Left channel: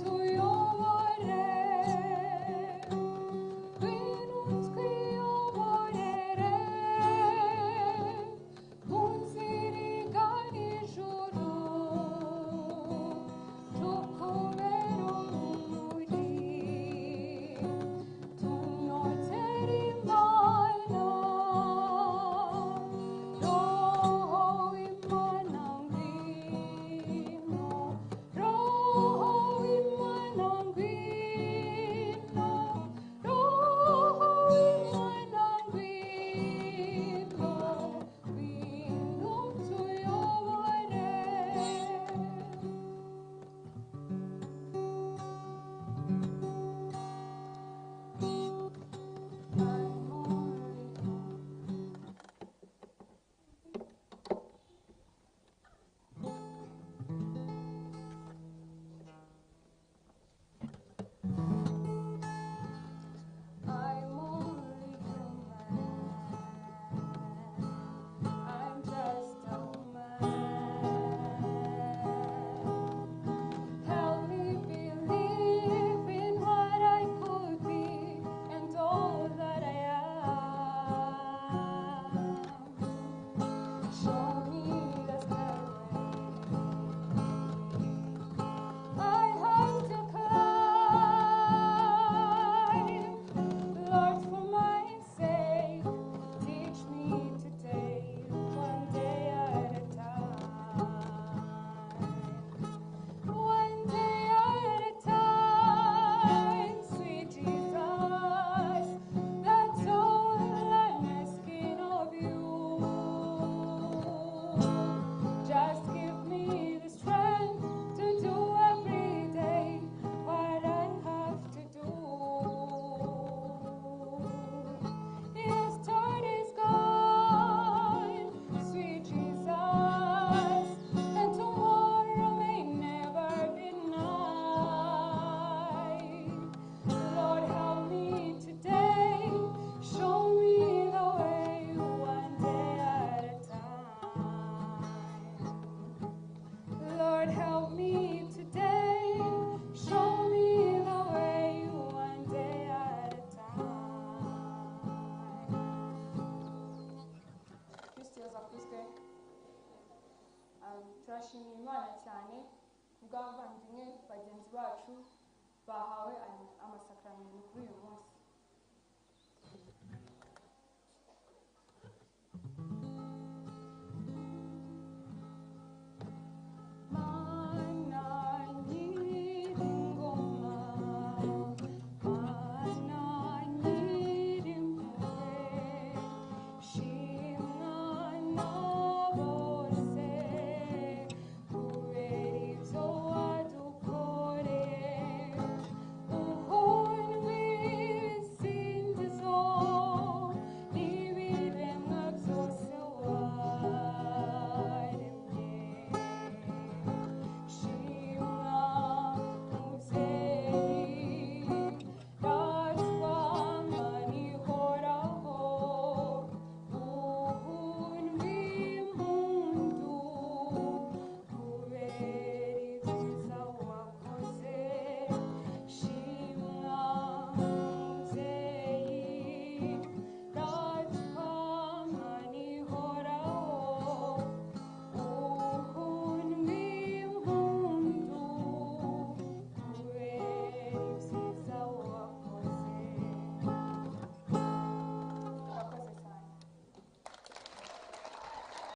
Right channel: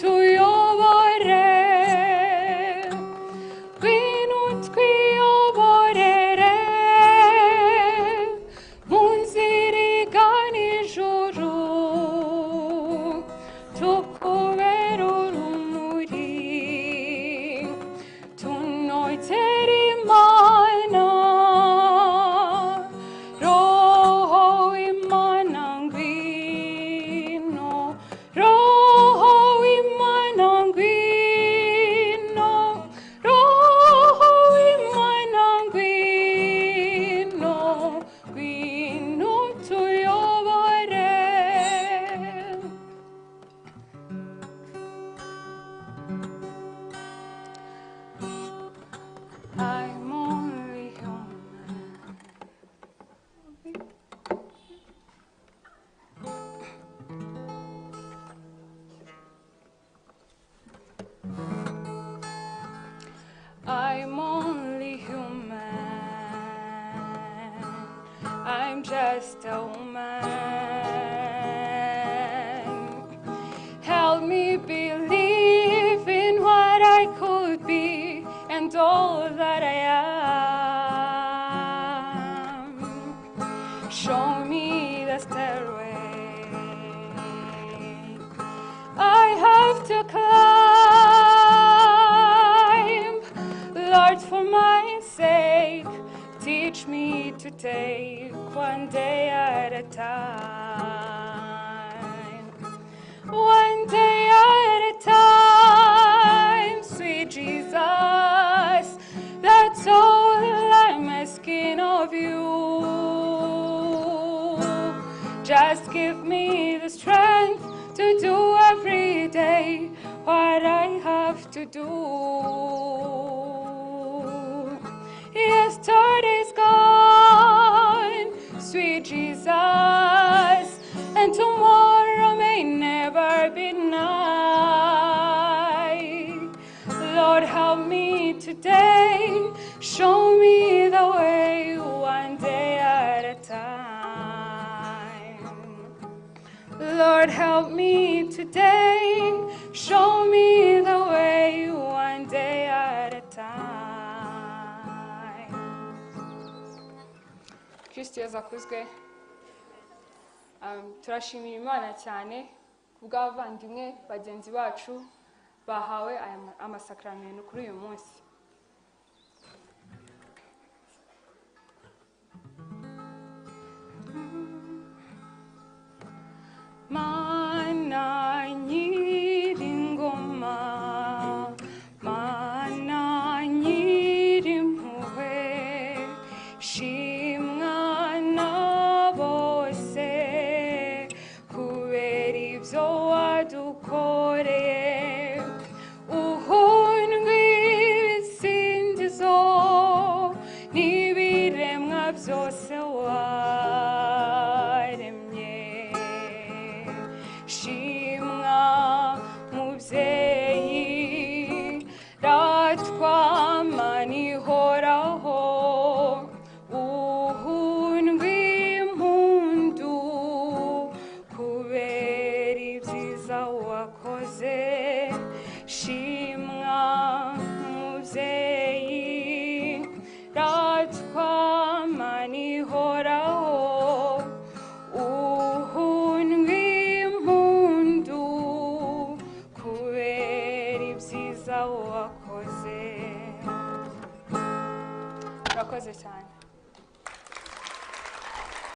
tuyobore ngwino twiyoborere mu nzira igana ijuru tukubera urumuri tunogere Imana roho w'Imana ngwino roho w'Imana ngwino roho w'Imana ngwino ngwino tuyobore I'm only human. I'm only human. I'm just a woman. Help me believe in what I could be and all that I am. Show me the stairway I have to climb. Lord, for my sake, teach me to take one day at a time. One day at a time, sweet Jesus, that's all I'm asking of you. Just give me the strength to do every day what I have to do. Yesterday's gone, sweet Jesus, and tomorrow may never be nigh. Lord, help me today, show me the way one day at a time. Lord, help me today, show me the way one day at a time. Kristo yazakuzwe. Turashimira Imana cyane kubw'abavandimwe bagenzi bacu bahawe amasakramentu kuri uyu munsi. Mana nyiringoma, Mana nyirimpuhwe, shimwa na bose kubera ibyo wadukoreye.